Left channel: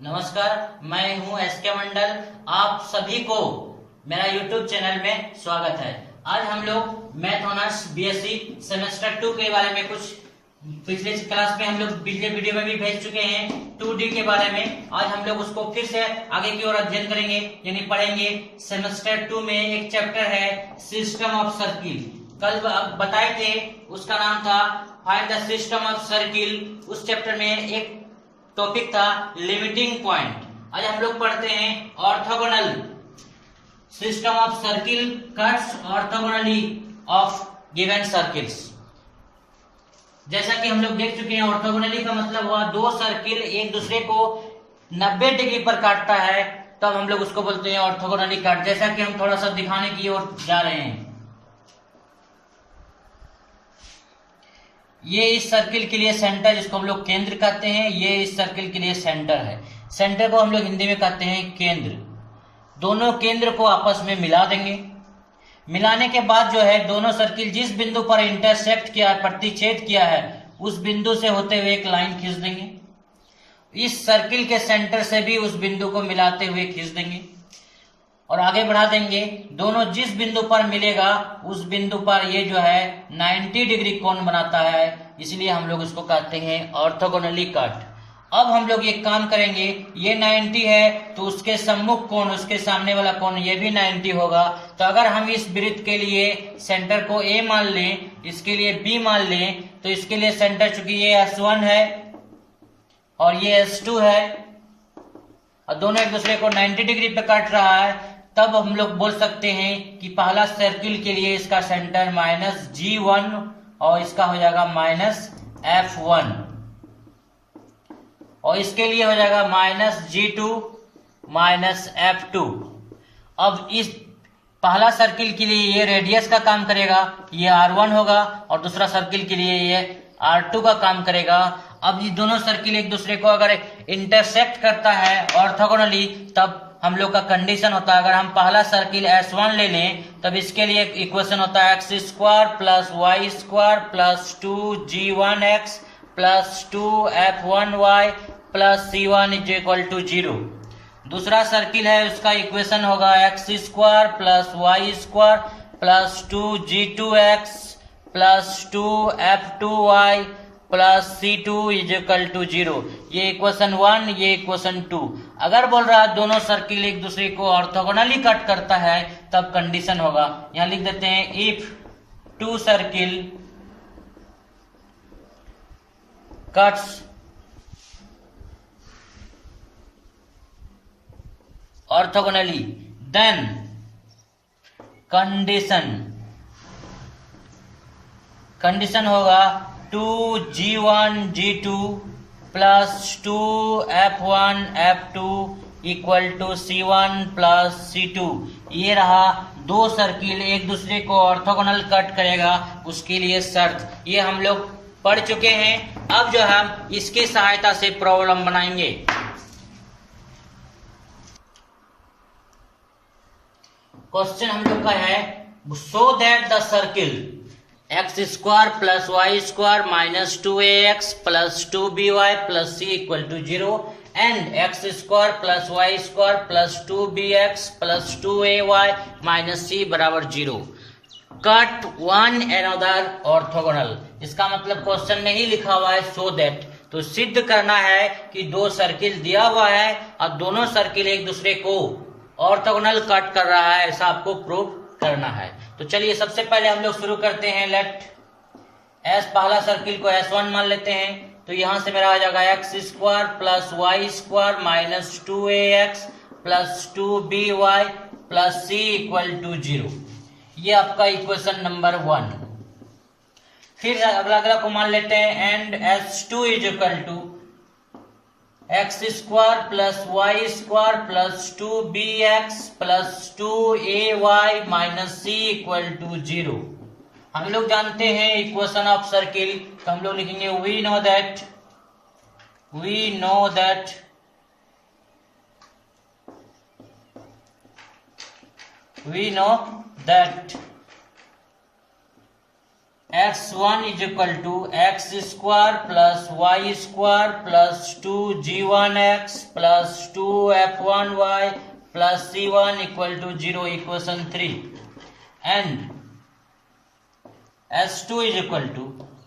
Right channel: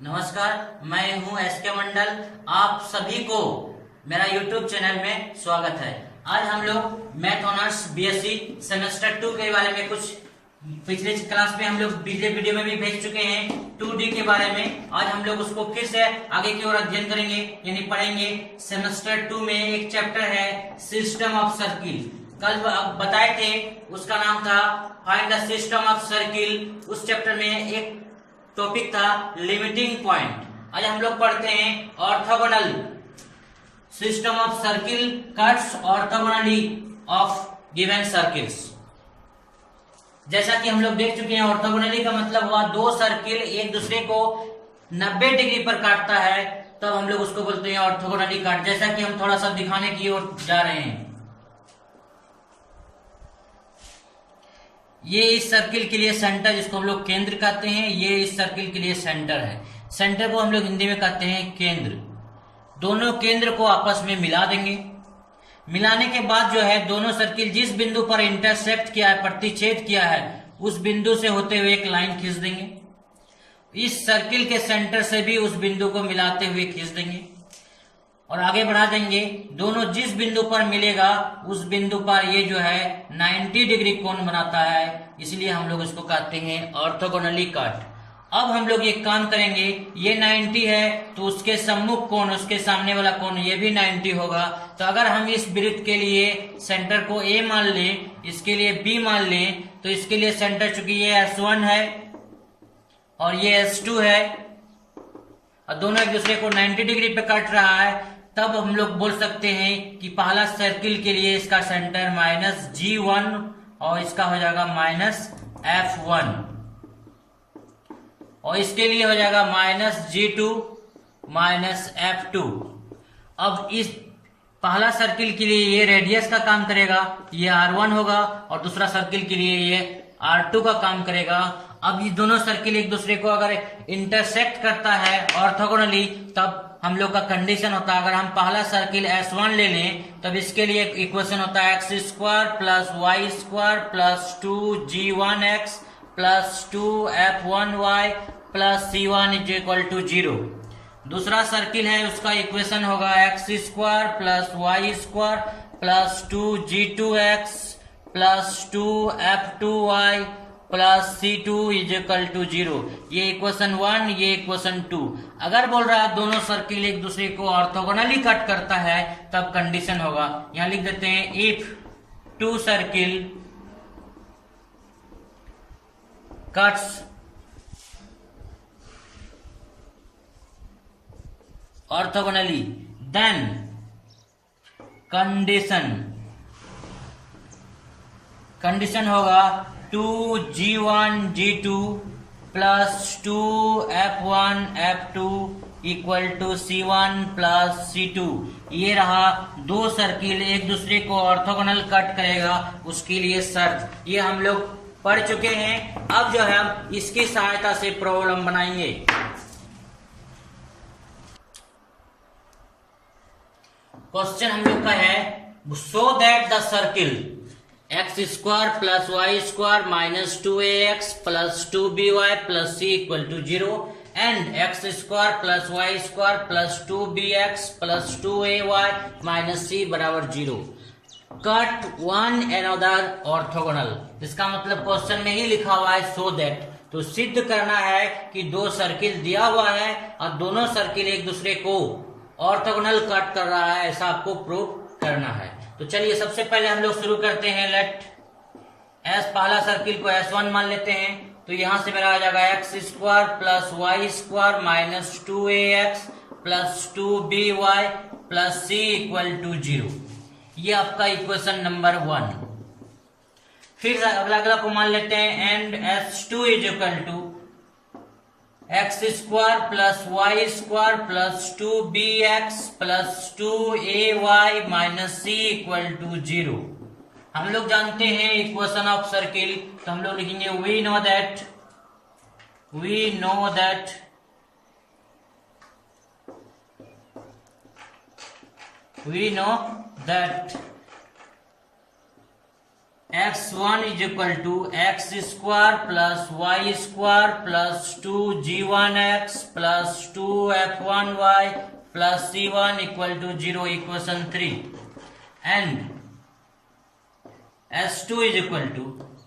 नमस्कार, मैं हूं एसके मंडल। आप सभी को मेरा यूट्यूब चैनल में स्वागत है। आज हम लोग मैथ ऑनर्स बीएससी सेमेस्टर 2 के बारे में कुछ पिछले क्लास में हम लोग पिछले वीडियो में भी भेज चुके हैं 2D के बारे में। आज हम लोग उसको फिर से आगे की ओर अध्ययन करेंगे, यानी पढ़ेंगे। सेमेस्टर 2 में एक चैप्टर है सिस्टम ऑफ सर्किल। कल बताए थे, उसका नाम था find the system of circle. उस चैप्टर में एक टॉपिक था लिमिटिंग पॉइंट। आज हम लोग पढ़ते हैं orthogonal system of circle cuts orthogonally of given circles. जैसा कि हम लोग देख चुके हैं, ऑर्थोगोनली का मतलब हुआ दो सर्किल एक दूसरे को 90 डिग्री पर काटता है, तब हम लोग उसको बोलते हैं ऑर्थोगोनली कट। जैसा कि हम थोड़ा सा दिखाने की ओर जा रहे हैं, ये इस सर्किल के लिए सेंटर, जिसको हम लोग केंद्र कहते हैं, ये इस सर्किल के लिए सेंटर है। सेंटर को हम लोग हिंदी में कहते हैं केंद्र। दोनों केंद्र को आपस में मिला देंगे। मिलाने के बाद जो है, दोनों सर्किल जिस बिंदु पर इंटरसेक्ट किया है, प्रतिच्छेद किया है, उस बिंदु से होते हुए एक लाइन खींच देंगे। इस सर्किल के सेंटर से भी उस बिंदु को मिलाते हुए खींच देंगे और आगे बढ़ा देंगे। दोनों जिस बिंदु पर मिलेगा उस बिंदु पर ये जो है 90 डिग्री कोण बनाता है, इसलिए हम लोग इसको कहते हैं ऑर्थोगोनली कट। अब हम लोग एक काम करेंगे, ये 90 है तो उसके सम्मुख कोण, उसके सामने वाला कोण ये भी 90 होगा। तो अगर हम इस वृत्त के लिए सेंटर को A मान लें, इसके लिए B मान लें, तो इसके लिए सेंटर चूंकि ये S1 है और ये S2 है और दोनों एक दूसरे को 90 डिग्री पे काट रहा है, तब हम लोग बोल सकते हैं कि पहला सर्किल के लिए इसका सेंटर -G1 और इसका हो जाएगा -F1 और इसके लिए हो जाएगा -G2 -F2। अब इस पहला सर्किल के लिए ये रेडियस का काम करेगा, ये R1 होगा, और दूसरा सर्किल के लिए ये R2 का काम करेगा। अब ये दोनों सर्किल एक दूसरे को अगर इंटरसेक्ट करता है ऑर्थोगोनली, तब हम लोग का कंडीशन होता है, अगर हम पहला सर्किल S1 ले लें, तब इसके लिए इक्वेशन होता है x² + y² + 2g1x + 2f1y + c1 = 0। दूसरा सर्किल है, उसका इक्वेशन होगा x² + y² + 2g2x + 2f2y + c2 = 0। ये इक्वेशन 1, ये इक्वेशन 2। अगर बोल रहा है दोनों सर्किल एक दूसरे को ऑर्थोगोनली कट करता है, तब कंडीशन होगा, यहां लिख देते हैं if two circle cuts orthogonally, then condition होगा 2g1g2 + 2f1f2 = c1 + c2। ये रहा दो सर्किल एक दूसरे को ऑर्थोगोनल कट करेगा, उसके लिए शर्त। ये हम लोग पढ़ चुके हैं। अब जो हम इसकी सहायता से प्रॉब्लम बनाएंगे। क्वेश्चन हम लोग का है, so that the circle x² + y² - 2ax + 2by + c = 0 and x² + y² + 2bx + 2ay - c = 0 cut one another orthogonal. इसका मतलब क्वेश्चन में ही लिखा हुआ है सो दैट, तो सिद्ध करना है कि दो सर्किल दिया हुआ है और दोनों सर्किल एक दूसरे को ऑर्थोगोनल कट कर रहा है, ऐसा आपको प्रूव करना है। तो चलिए सबसे पहले हम लोग शुरू करते हैं। लेट एस, पहला सर्किल को S1 मान लेते हैं, तो यहां से मेरा आ जाएगा x² + y² - 2ax + 2by + c = 0। ये आपका इक्वेशन नंबर 1। फिर अगला को मान लेते हैं and S2 = x² + y² + 2bx + 2ay - c = 0। हम लोग जानते हैं इक्वेशन ऑफ सर्किल, तो हम लोग लिखेंगे we know that x1 is equal to x square plus y square plus 2g1x plus 2f1y plus c1 equal to 0 equation 3 and s2 is equal to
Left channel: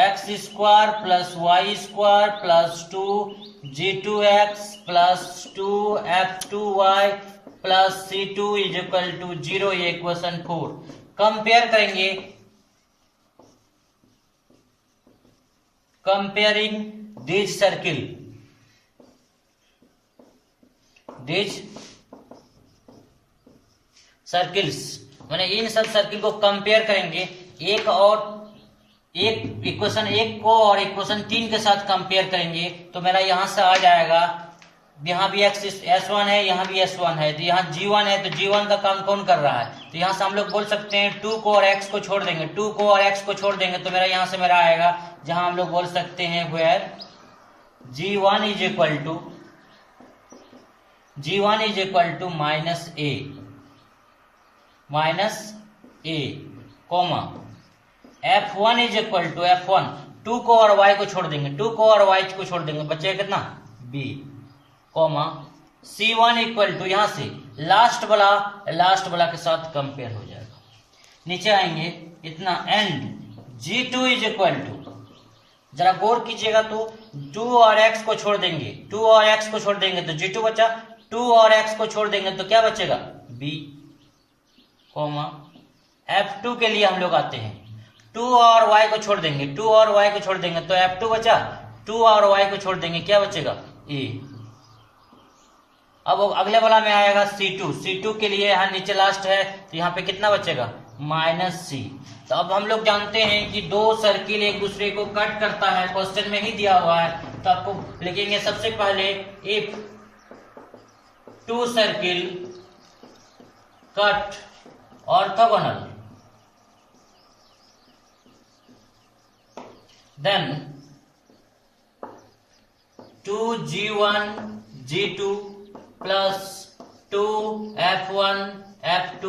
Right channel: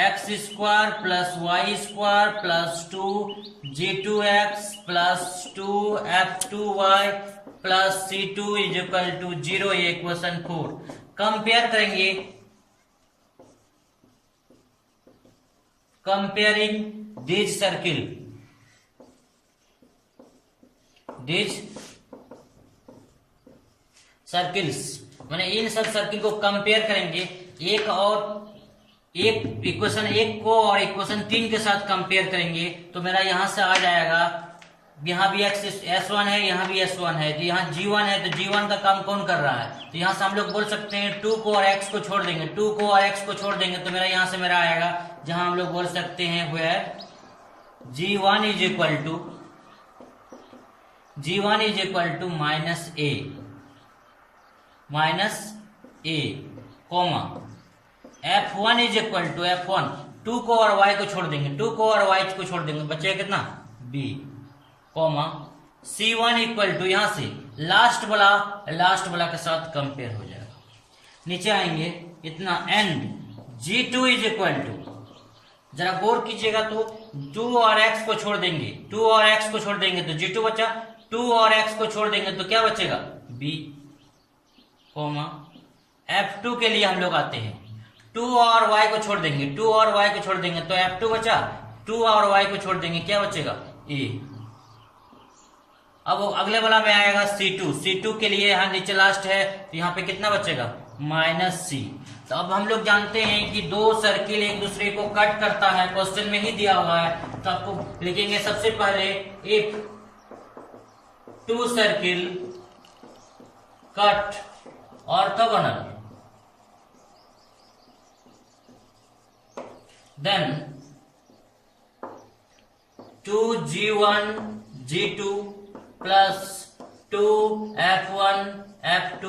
x square plus y square plus 2g2x plus 2f2y plus c2 is equal to 0 ये equation 4। Compare करेंगे, comparing these circle, these circles माने इन सब circle को compare करेंगे, एक equation 1 को और इक्वेशन 3 के साथ कंपेयर करेंगे तो मेरा यहां से आ जाएगा, यहाँ भी S1 है, यहाँ भी S1 है, तो यहाँ G1 है, तो G1 का काम कौन कर रहा है, तो यहाँ से हम लोग बोल सकते हैं 2 को और x को छोड़ देंगे, 2 को और x को छोड़ देंगे तो मेरा यहाँ से मेरा आएगा जहां हम लोग बोल सकते हैं where G1 is equal to -a comma F1 is equal to F1, 2 को और y को छोड़ देंगे, 2 को और y को छोड़ देंगे, बचेगा कितना b comma C1 equal to यहां से लास्ट वाला के साथ कंपेयर हो जाएगा। नीचे आएंगे इतना and G2 is equal to, जरा गौर कीजिएगा तो 2 और x को छोड़ देंगे, 2 और x को छोड़ देंगे तो G2 बचा, 2 और x को छोड़ देंगे तो क्या बचेगा b कॉमा F2 के लिए हम लोग आते हैं, 2 और y को छोड़ देंगे, 2 और y को छोड़ देंगे तो F2 बचा, 2 और y को छोड़ देंगे क्या बचेगा a। अब अगले वाला में आएगा C2 के लिए यहाँ नीचे लास्ट है तो यहाँ पे कितना बचेगा -c। तो अब हम लोग जानते हैं कि दो सर्किल एक दूसरे को कट करता है, क्वेश्चन में ही दिया हुआ है, तो आपको लिखेंगे सबसे पहले if 2 circle cut orthogonal then 2g1 g2 plus 2f1 f2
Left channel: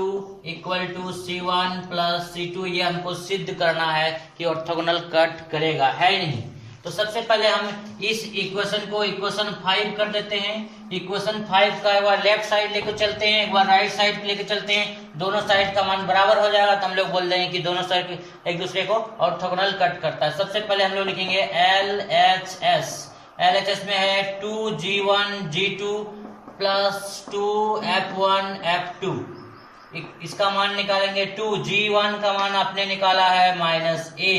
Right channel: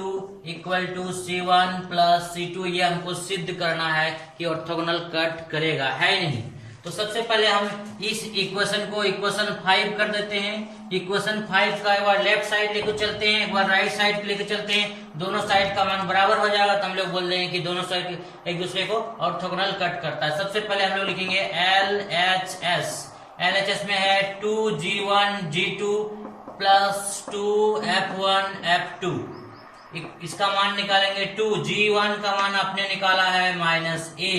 equal to c1 plus c2, ये हमको सिद्ध करना है कि ऑर्थोगोनल कट करेगा, है नहीं। तो सबसे पहले हम इस इक्वेशन को इक्वेशन 5 कर देते हैं। इक्वेशन 5 का एक बार लेफ्ट साइड लेकर चलते हैं, एक बार राइट साइड पे लेकर चलते हैं, दोनों साइड का मान बराबर हो जाएगा तो हम लोग बोल देंगे कि दोनों साइड एक दूसरे को ऑर्थोगोनल कट करता है। सबसे पहले हम लोग लिखेंगे LHS में है 2g1 g2 plus 2f1 f2, इसका मान निकालेंगे 2g1 का मान आपने निकाला है -a,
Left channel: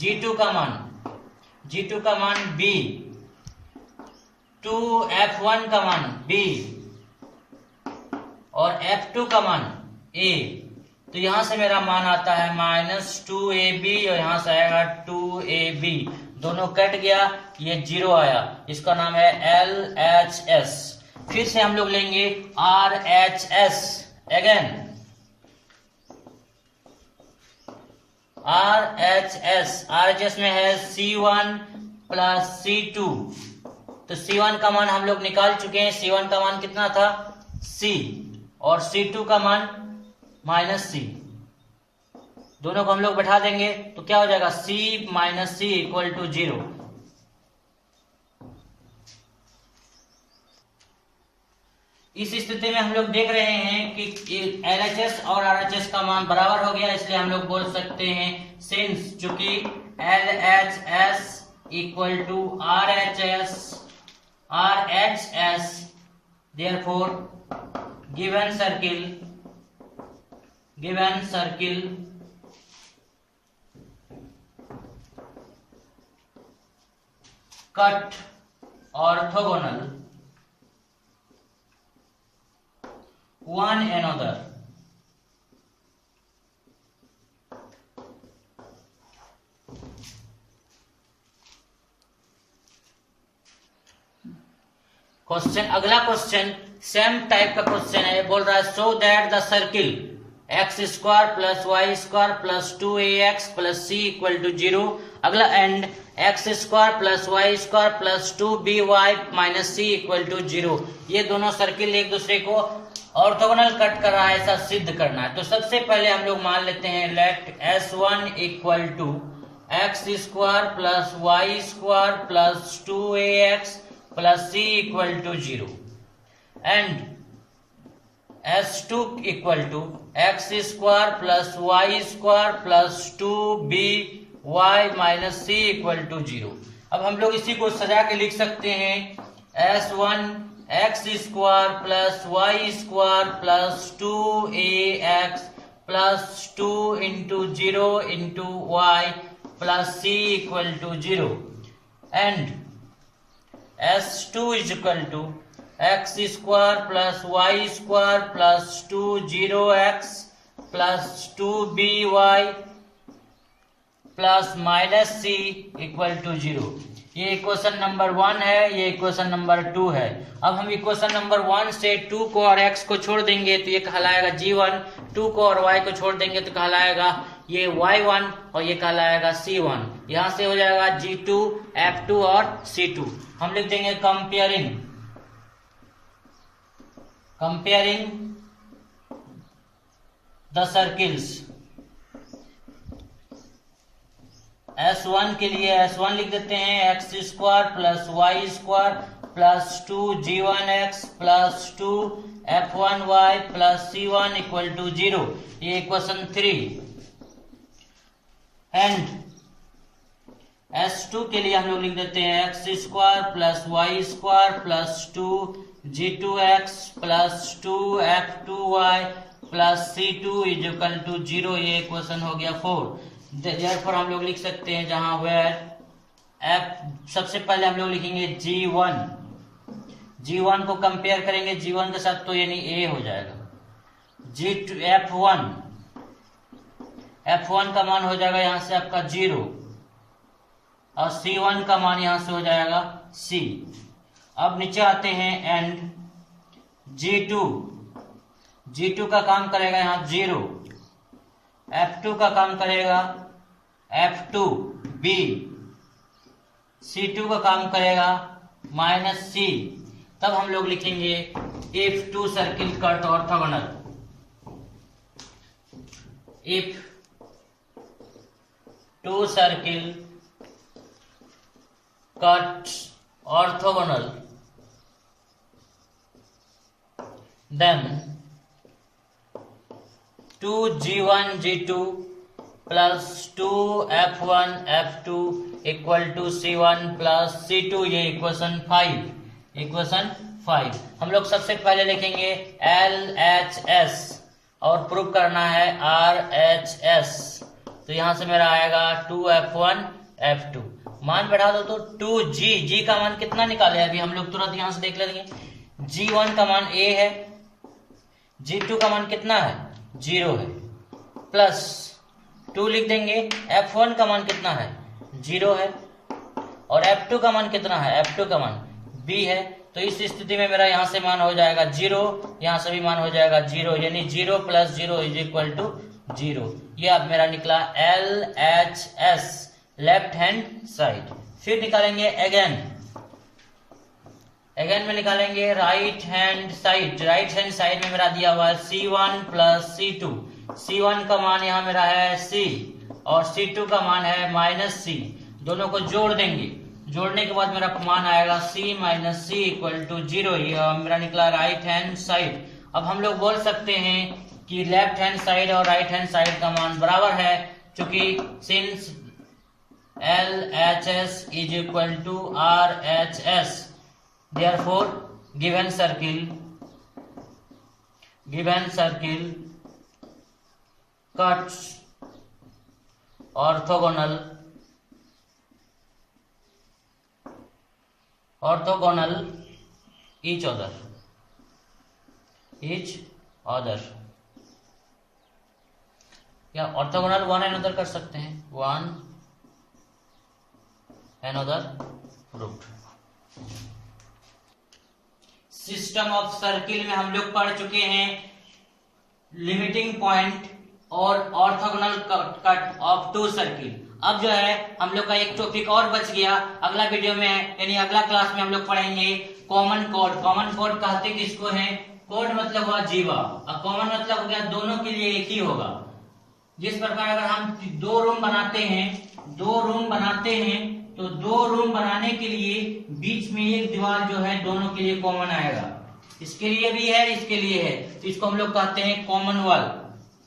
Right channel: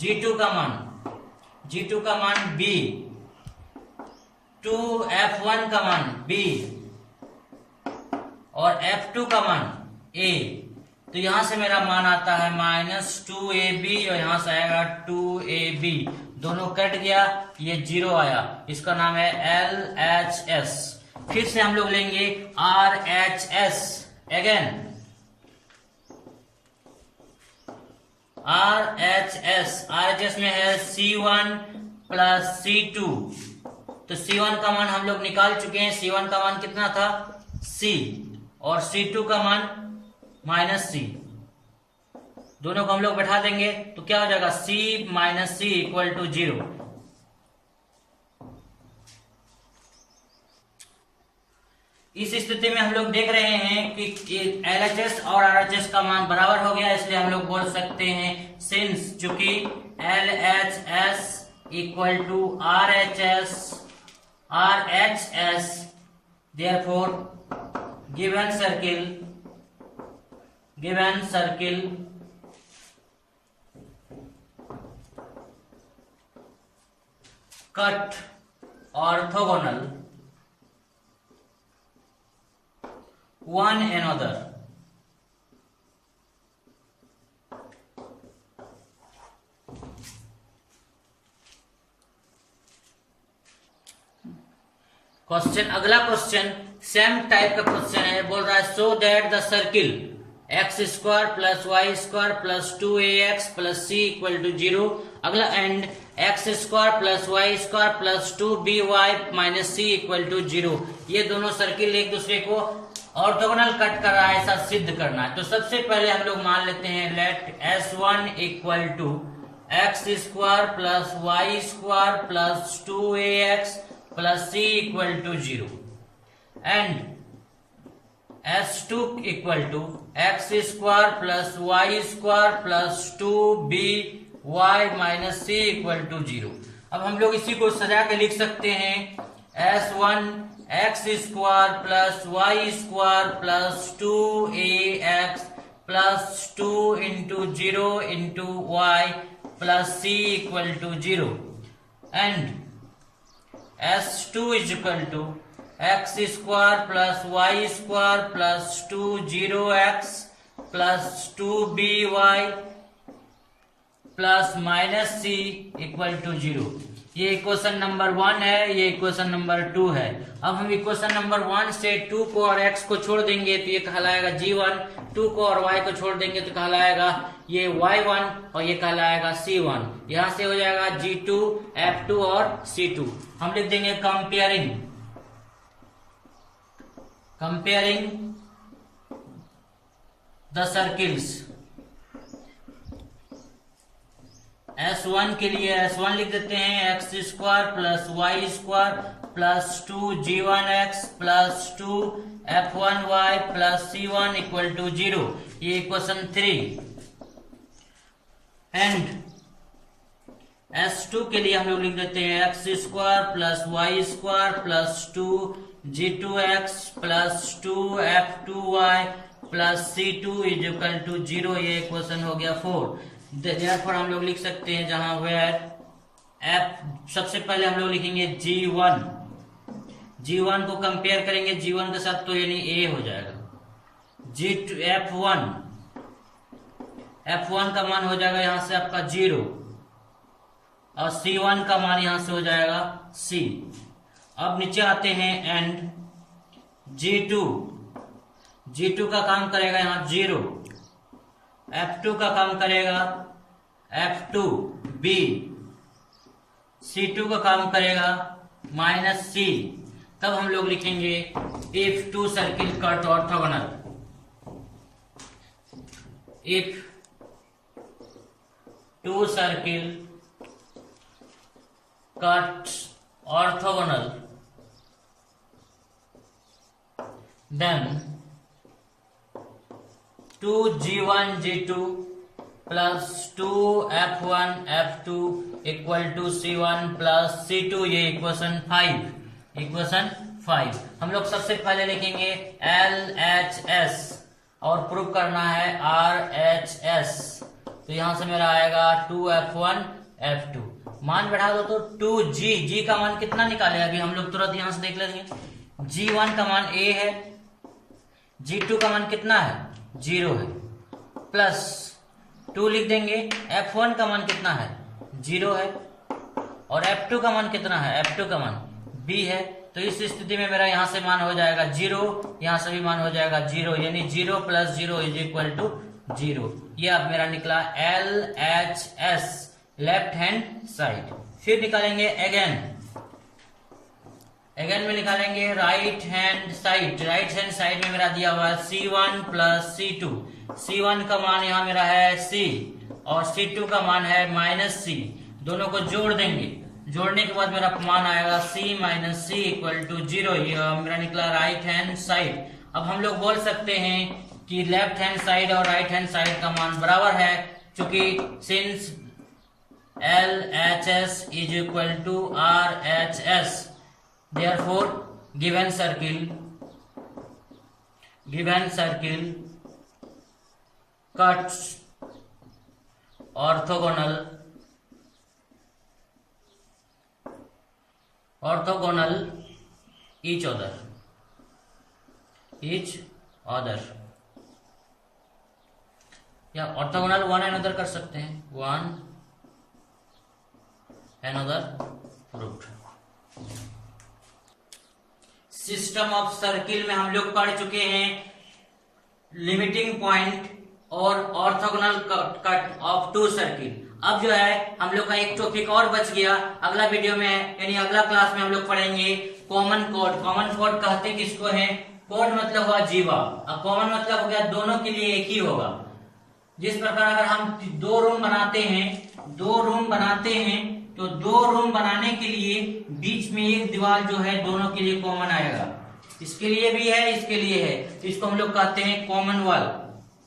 g2 का मान b, 2f1 का मान b और f2 का मान a। तो यहां से मेरा मान आता है -2ab और यहां से आएगा 2ab, दोनों कट गया, ये 0 आया, इसका नाम है LHS। फिर से हम लोग लेंगे RHS, अगेन RHS में है C1 प्लस C2, तो C1 का मान हम लोग निकाल चुके हैं, C1 का मान कितना था C और C2 का मान -C, दोनों को हम लोग बैठा देंगे तो क्या हो जाएगा C - C इक्वल टू 0। इस स्थिति में हम लोग देख रहे हैं कि LHS और RHS का मान बराबर हो गया, इसलिए हम लोग बोल सकते हैं सिंस चूंकि LHS equal to RHS therefore given circle cut orthogonal one another। Question, अगला क्वेश्चन सेम टाइप का क्वेश्चन है, बोल रहा है so that the circle x² plus y² plus 2ax plus c equal to 0, अगला and x² plus y² plus 2by minus c equal to 0। ये दोनों circle एक दूसरे को ऑर्थोगोनल कट कर रहा है ऐसा सिद्ध करना है। तो सबसे पहले हम लोग मान लेते हैं let S1 equal to x square plus y square plus 2ax plus c equal to 0 and S2 equal to x square plus y square plus 2by minus c equal to 0। अब हम लोग इसी को सजा के लिख सकते हैं S1 x square plus y square plus 2ax plus 2 into 0 into y plus c equal to 0 and S2 is equal to x square plus y square plus 2 plus 2by plus minus c equal to 0। ये equation number 1 है, ये equation number 2 है। अब हम equation number 1 से 2 को और x को छोड़ देंगे तो ये कहलाएगा g1, 2 को और y को छोड़ देंगे तो कहलाएगा ये y1 और ये कहलाएगा c1। यहां से हो जाएगा g2, f2 और c2। हम लिख देंगे कंपेयरिंग द सर्किल्स। S1 के लिए S1 लिख देते हैं x square plus y square plus 2g1x plus 2f1y plus c1 equal to 0। ये इक्वेशन 3 एंड S2 के लिए हम लोग लिख देते हैं x square plus y square plus 2g2x plus 2f2y plus c2 is equal to 0। ये इक्वेशन हो गया 4। देयरफॉर हम लोग लिख सकते हैं जहां वेयर f सबसे पहले हम लोग लिखेंगे g1 को कंपेयर करेंगे g1 के साथ तो यानी a हो जाएगा। g2 f1 का मान हो जाएगा यहां से आपका 0 और c1 का मान यहां से हो जाएगा c। अब नीचे आते हैं एंड g2 का काम करेगा यहां 0, f2 का काम करेगा f2b, c2 का काम करेगा माइनस c। तब हम लोग लिखेंगे if two circle cut orthogonal, if two circle cut orthogonal then 2g1 g2 plus 2f1 f2 equal to c1 plus c2। ये इक्वेशन 5 हम लोग सबसे पहले लिखेंगे LHS और प्रूव करना है RHS। तो यहां से मेरा आएगा 2f1 f2। मान बढ़ा दो तो 2g का मान कितना निकाले अभी हम लोग तुरंत यहां से देख लेंगे। g1 का मान a है, g2 का मान कितना है 0 है, प्लस 2 लिख देंगे। f1 का मान कितना है 0 है और f2 का मान कितना है, f2 का मान b है। तो इस स्थिति में मेरा यहां से मान हो जाएगा 0, यहां से भी मान हो जाएगा 0, यानी 0 प्लस 0 इज इक्वल टू 0। ये अब मेरा निकला LHS लेफ्ट हैंड साइड। फिर निकालेंगे अगेन में निकालेंगे right hand side. Right hand side में मेरा दिया हुआ है C1 प्लस C2। C1 का मान यहाँ मेरा है C और C2 का मान है माइनस C। दोनों को जोड़ देंगे, जोड़ने के बाद मेरा मान आएगा C minus C equal to 0। ये मेरा निकला राइट हैंड साइड। अब हम लोग बोल सकते हैं कि लेफ्ट हैंड साइड और राइट हैंड साइड का मान बराबर है, क्योंकि since LHS is equal to RHS, therefore given circle cuts orthogonal each other। या ऑर्थोगोनल वन अनदर कर सकते हैं, one another proved. System of circle में हम लोग पढ़ चुके हैं लिमिटिंग पॉइंट और orthogonal cut of two circle. अब जो है हम लोग का एक टॉपिक और बच गया, अगला वीडियो में यानी अगला क्लास में हम लोग पढ़ेंगे कॉमन कोड। कॉमन कोड कहते किसको है, कोड मतलब हुआ जीवा और कॉमन मतलब हो गया दोनों के लिए एक ही होगा। जिस प्रकार अगर हम दो रूम बनाते हैं तो दो रूम बनाने के लिए बीच में एक दीवार जो है दोनों के लिए कॉमन आएगा। इसके लिए भी है, इसके लिए है, तो इसको हम लोग कहते हैं कॉमन वॉल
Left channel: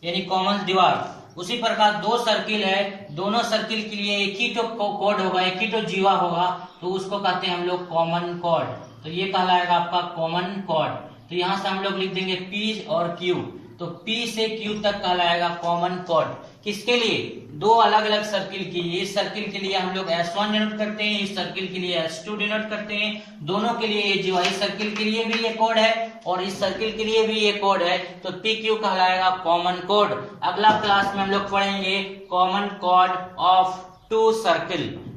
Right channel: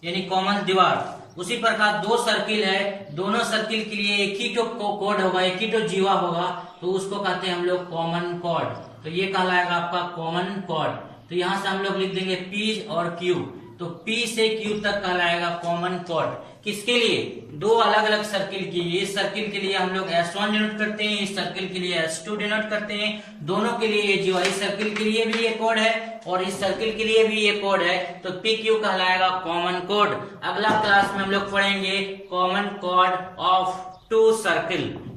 यानी कॉमन दीवार। उसी प्रकार दो सर्किल है, दोनों सर्किल के लिए एक ही तो कोड होगा, एक ही तो जीवा होगा, तो उसको कहते हैं हम लोग कॉमन कोड। तो ये कहलाएगा आपका कॉमन कोड। तो यहां से हम लोग लिख देंगे P और Q, तो P से Q तक कहलाएगा कॉमन कोड। किसके लिए? दो अलग अलग सर्किल के लिए। इस सर्किल के लिए हम लोग S1 डिनोट करते हैं, इस सर्किल के लिए S2 डिनोट करते हैं। दोनों के लिए ये जीवा, इस सर्किल के लिए भी ये कोड है और इस सर्किल के लिए भी ये कोड है, तो PQ कहलाएगा कॉमन कोड। अगला क्लास में हम लोग पढ़ेंगे कॉमन कोड ऑफ टू सर्किल।